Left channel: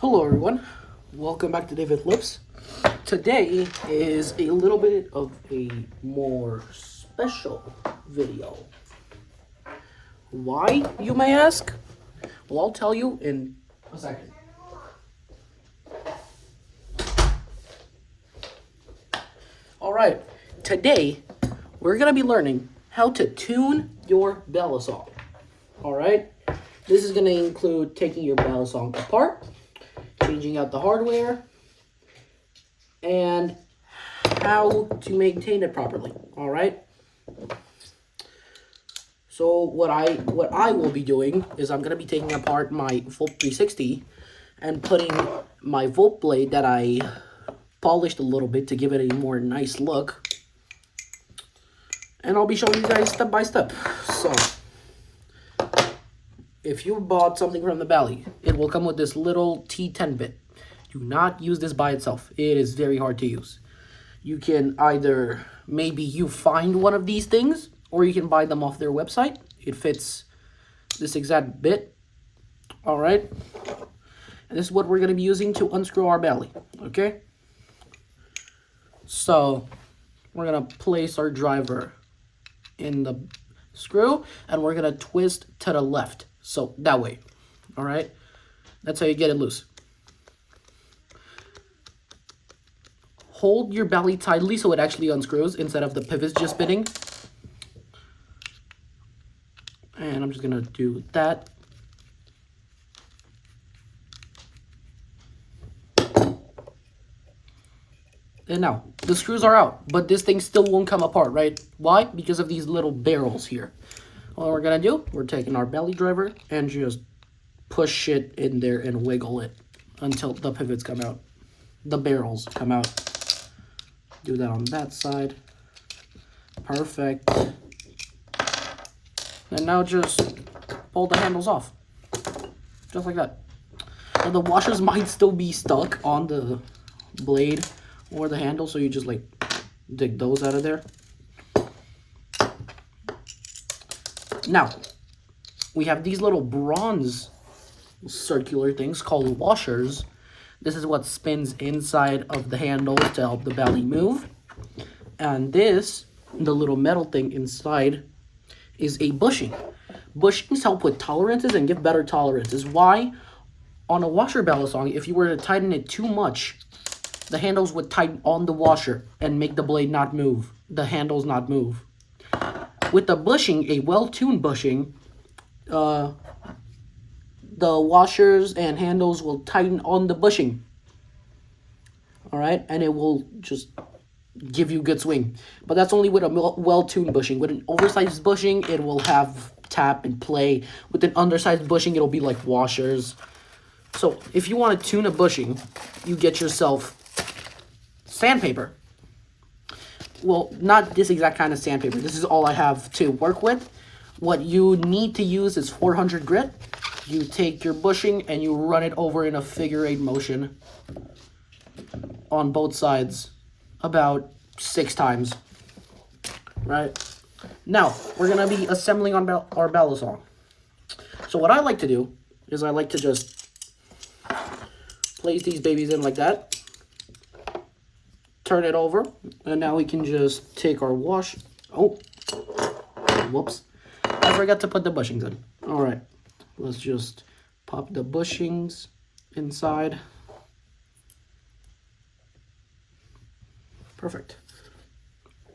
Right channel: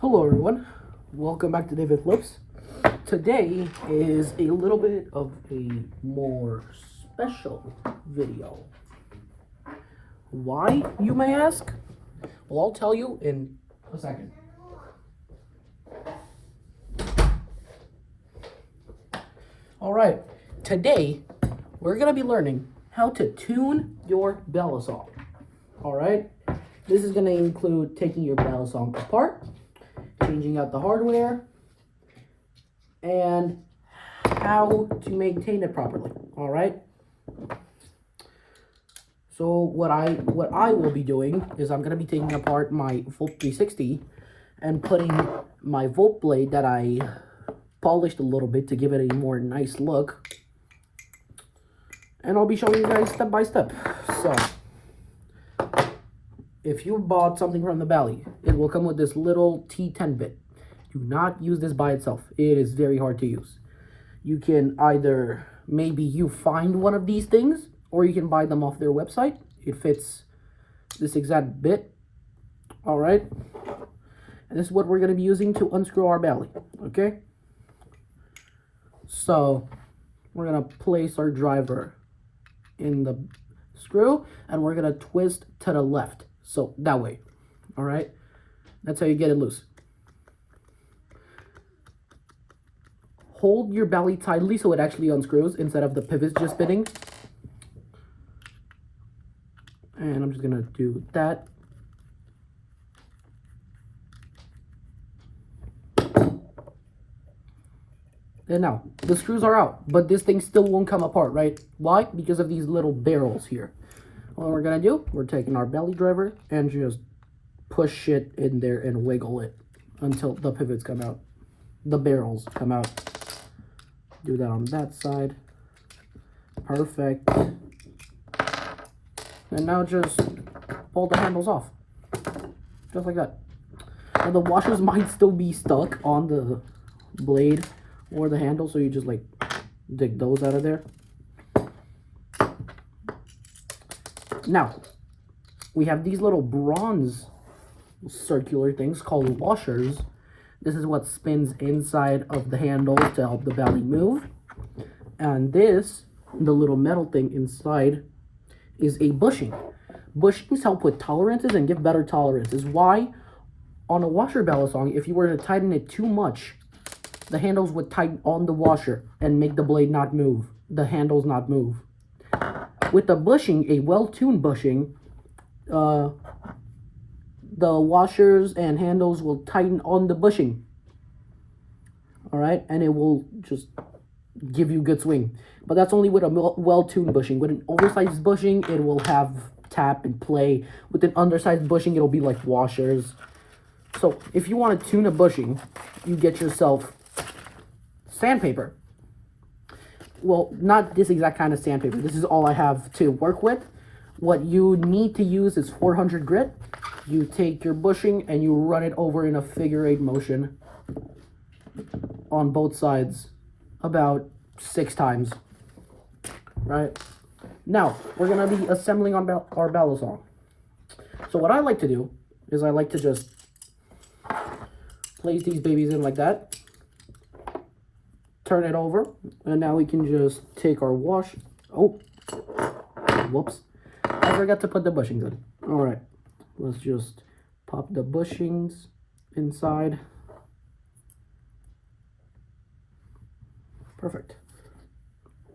Hello everyone, welcome back to David Lips. Today is a little bit of a more special video. Why, you may ask? Well, I'll tell you in a second. Alright, today we're going to be learning how to tune your balisong. Alright, this is going to include taking your balisong apart, changing out the hardware, and how to maintain it properly. All right. So what I will be doing is I'm gonna be taking apart my Volt 360 and putting my Volt blade that I polished a little bit to give it a more nice look. And I'll be showing you guys step by step. So if you bought something from the Bally, it will come with this little T10 bit. Do not use this by itself. It is very hard to use. You can either, maybe you find one of these things, or you can buy them off their website. It fits this exact bit. All right. And this is what we're going to be using to unscrew our Bally. Okay. So we're going to place our driver in the screw, and we're going to twist to the left. So that way. All right. That's how you get it loose. Hold your Bally tightly so it actually unscrews instead of the pivots just spinning. And I'm just gonna do that. And now, the screws are out, but this thing still won't come apart, right? Why? Because of these little barrels here. What we're gonna do, we're taking our Bally driver and just push it in there and wiggle it until the pivots come out. The barrels come out. Do that on that side. Perfect. And now just pull the handles off. Just like that. Now the washers might still be stuck on the blade or the handle, so you just like dig those out of there. Now, we have these little bronze circular things called washers. This is what spins inside of the handles to help the Bally move. And this, the little metal thing inside, is a bushing. Bushings help with tolerances and give better tolerances. Why? On a washer balisong, if you were to tighten it too much, the handles would tighten on the washer and make the blade not move, the handles not move. With a bushing, a well-tuned bushing, the washers and handles will tighten on the bushing. All right, and it will just give you good swing. But that's only with a well-tuned bushing. With an oversized bushing, it will have tap and play. With an undersized bushing, it'll be like washers. So if you want to tune a bushing, you get yourself sandpaper. Well, not this exact kind of sandpaper. This is all I have to work with. What you need to use is 400 grit. You take your bushing and you run it over in a figure-8 motion on both sides about 6 times. Right? Now, we're going to be assembling our balisong. So what I like to do is I like to just place these babies in like that. Turn it over. And now we can just take our wash. Oh, whoops. I forgot to put the bushings in. All right. Let's just pop the bushings inside. Perfect.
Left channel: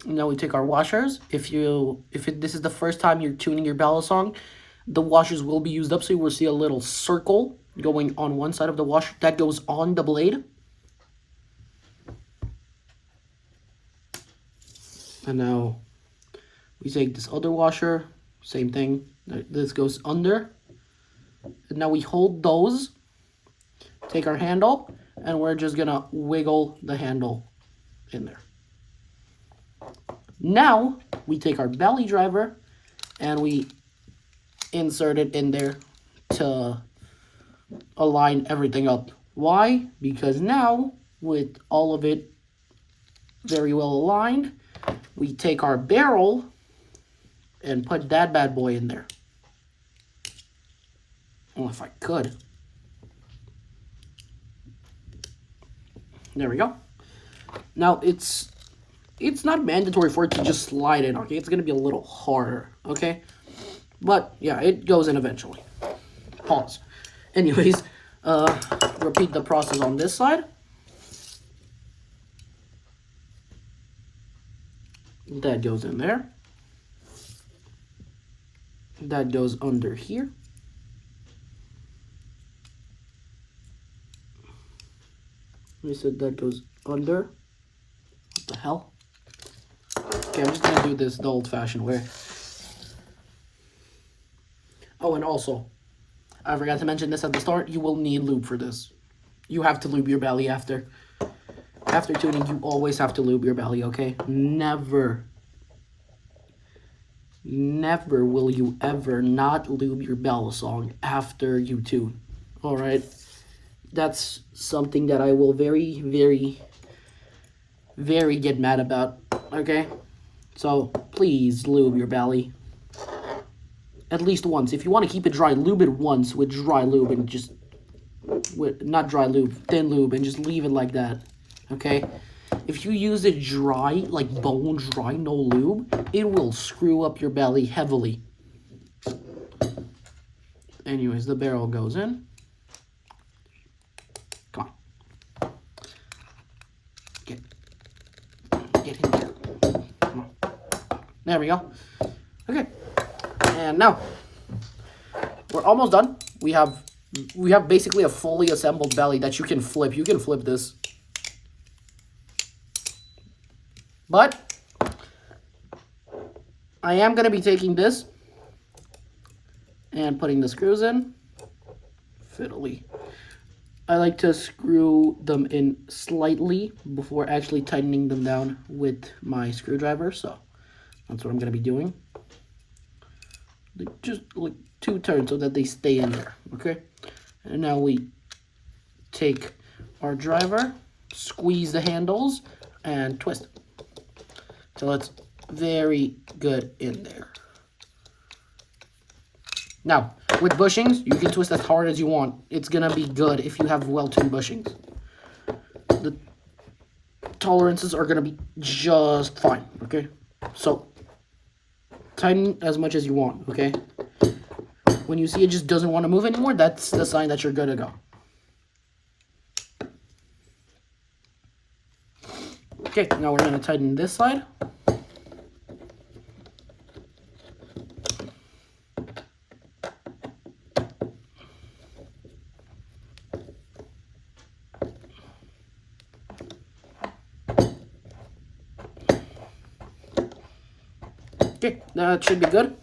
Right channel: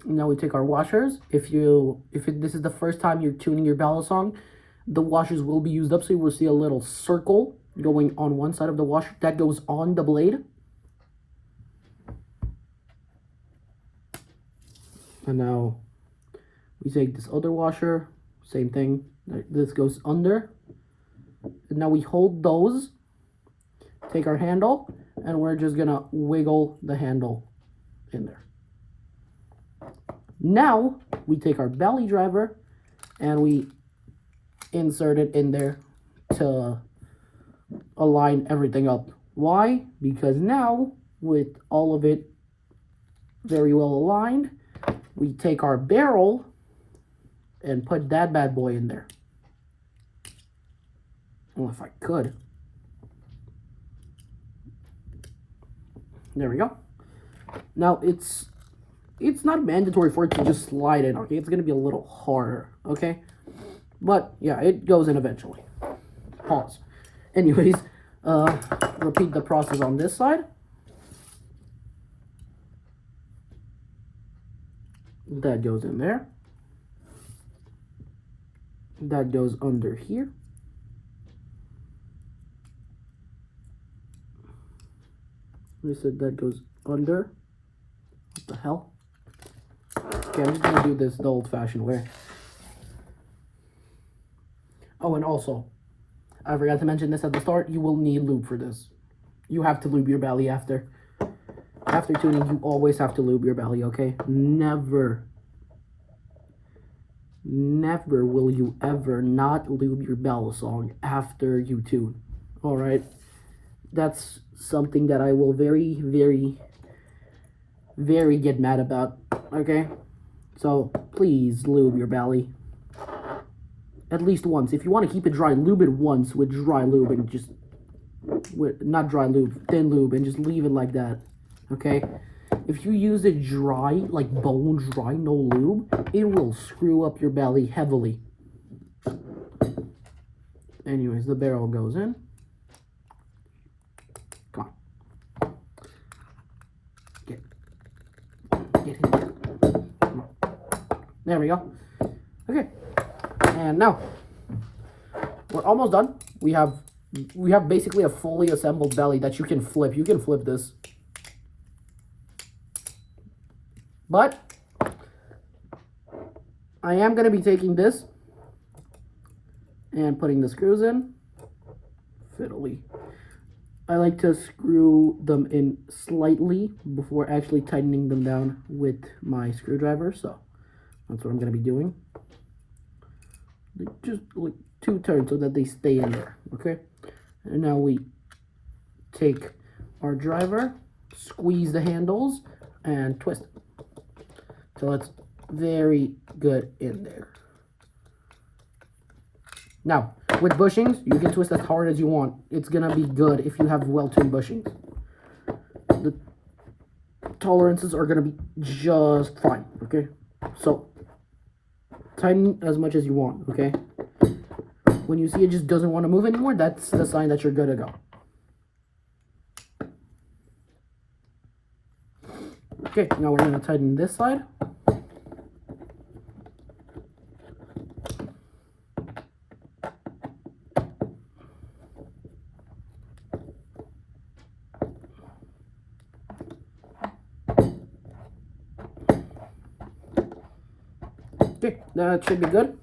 Now we take our washers. This is the first time you're tuning your balisong, the washers will be used up, so you will see a little circle going on one side of the washer that goes on the blade. And now we take this other washer, same thing. This goes under. And now we hold those, take our handle, and we're just gonna wiggle the handle in there. Now we take our Bally driver and we insert it in there to align everything up. Why? Because now with all of it very well aligned, we take our barrel and put that bad boy in there. Well, if I could. There we go. Now it's not mandatory for it to just slide in, okay? It's gonna be a little harder, okay? But yeah, it goes in eventually. Pause. Anyways, repeat the process on this side. That goes in there. That goes under here. I said that goes under. What the hell? Okay, I'm just gonna do this the old-fashioned way. Oh, and also, I forgot to mention this at the start, you will need lube for this. You have to lube your belly after. After tuning, you always have to lube your belly, okay? Never will you ever not lube your balisong after you tune, alright? That's something that I will very, very, very get mad about, okay? So, please lube your belly. At least once. If you want to keep it dry, lube it once with dry lube and just... not dry lube, thin lube, and just leave it like that, okay? If you use it dry, like bone dry, no lube, it will screw up your belly heavily. Anyways, the barrel goes in. Come on. Get in there. Come on. There we go. Okay. And now, we're almost done. We have basically a fully assembled belly that you can flip. You can flip this. But I am going to be taking this and putting the screws in. Fiddly. I like to screw them in slightly before actually tightening them down with my screwdriver. So that's what I'm going to be doing. Just like 2 turns so that they stay in there. Okay. And now we take our driver, squeeze the handles, and twist it. So it's very good in there. Now, with bushings, you can twist as hard as you want. It's gonna be good if you have well-tuned bushings. The tolerances are gonna be just fine, okay? So, tighten as much as you want, okay? When you see it just doesn't want to move anymore, that's the sign that you're good to go. Okay, now we're gonna tighten this side. Okay, that should be good.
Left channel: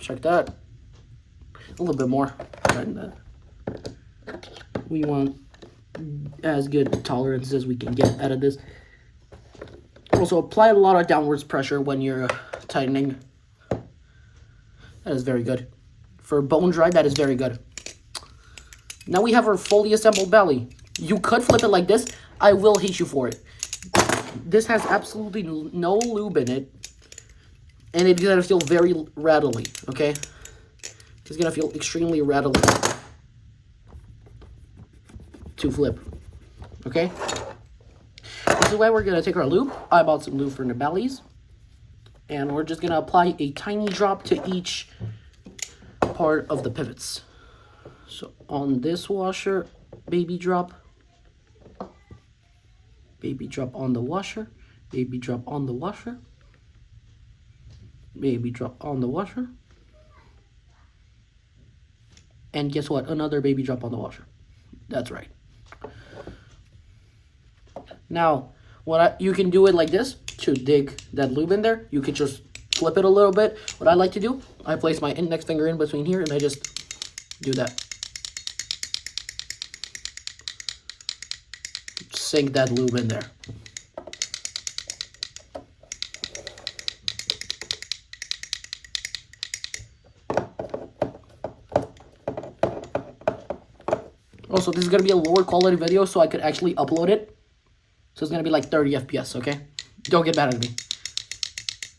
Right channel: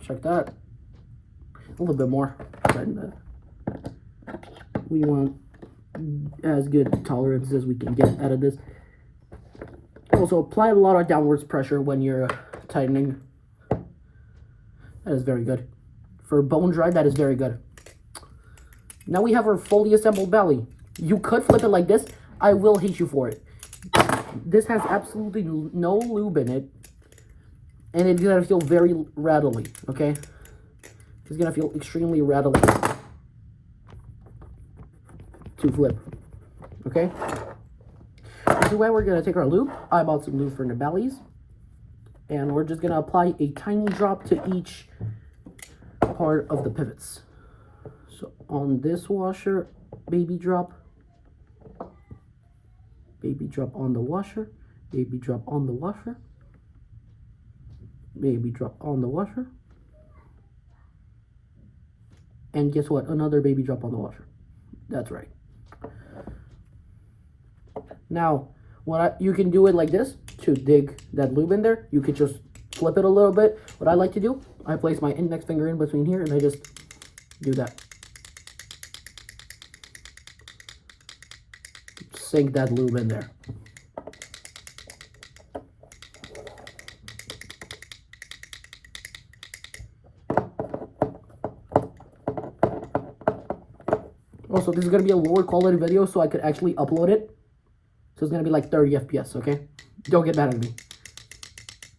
Check that. A little bit more. Tighten that. We want as good tolerance as we can get out of this. Also, apply a lot of downwards pressure when you're tightening. That is very good. For bone dry, that is very good. Now we have our fully assembled belly. You could flip it like this. I will hate you for it. This has absolutely no lube in it. And it's gonna feel very rattly, okay? It's gonna feel extremely rattly to flip, okay? This is why we're gonna take our lube. I bought some lube for the bellies. And we're just gonna apply a tiny drop to each part of the pivots. So on this washer, baby drop on the washer, baby drop on the washer, baby drop on the washer, and guess what? Another baby drop on the washer. That's right. Now, you can do it like this to dig that lube in there. You could just flip it a little bit. What I like to do, I place my index finger in between here and I just do that. Sink that lube in there. Also, this is going to be a lower quality video so I could actually upload it. So it's going to be like 30 FPS, okay? Don't get mad at me.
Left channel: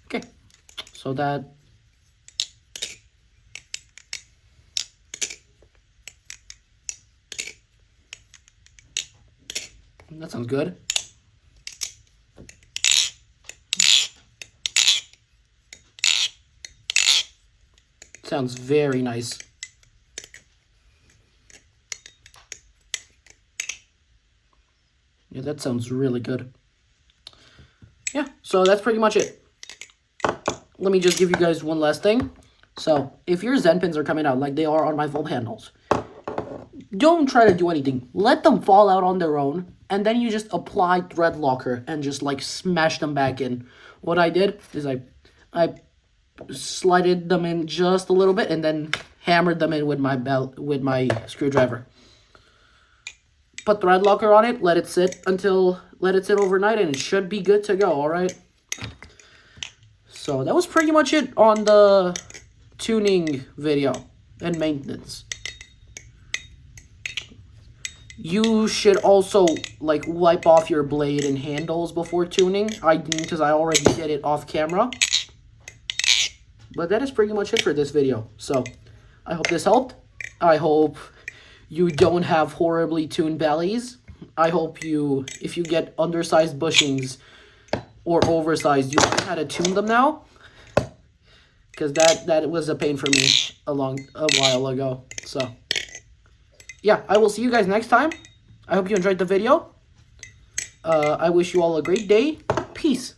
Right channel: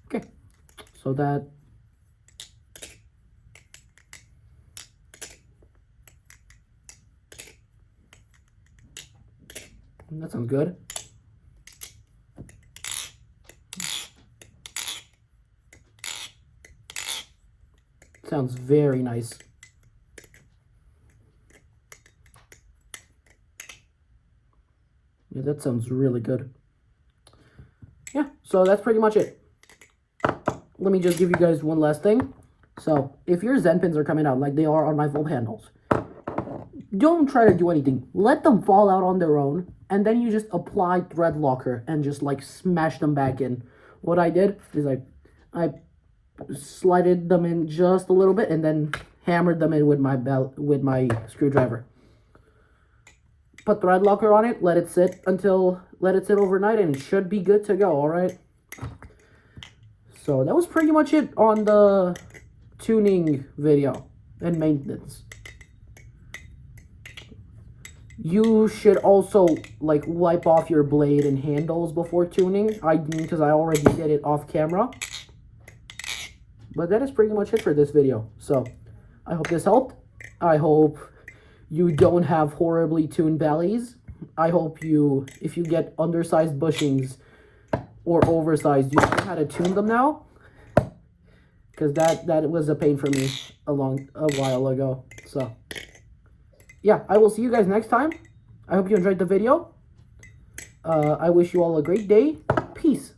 Okay, so that... that sounds good. Sounds very nice. Yeah, that sounds really good. Yeah, so that's pretty much it. Let me just give you guys one last thing. So, if your Zen pins are coming out like they are on my fold handles, don't try to do anything. Let them fall out on their own, and then you just apply thread locker and just like smash them back in. What I did is I slided them in just a little bit and then hammered them in with my screwdriver. Put thread locker on it, let it sit overnight, and it should be good to go. All right. So that was pretty much it on the tuning video and maintenance. You should also like wipe off your blade and handles before tuning. I didn't because I already did it off camera. But that is pretty much it for this video. So I hope this helped. I hope you don't have horribly tuned bellies. I hope if you get undersized bushings or oversized, you know how to tune them now. Because that was a pain for me a while ago. So yeah, I will see you guys next time. I hope you enjoyed the video. I wish you all a great day. Peace.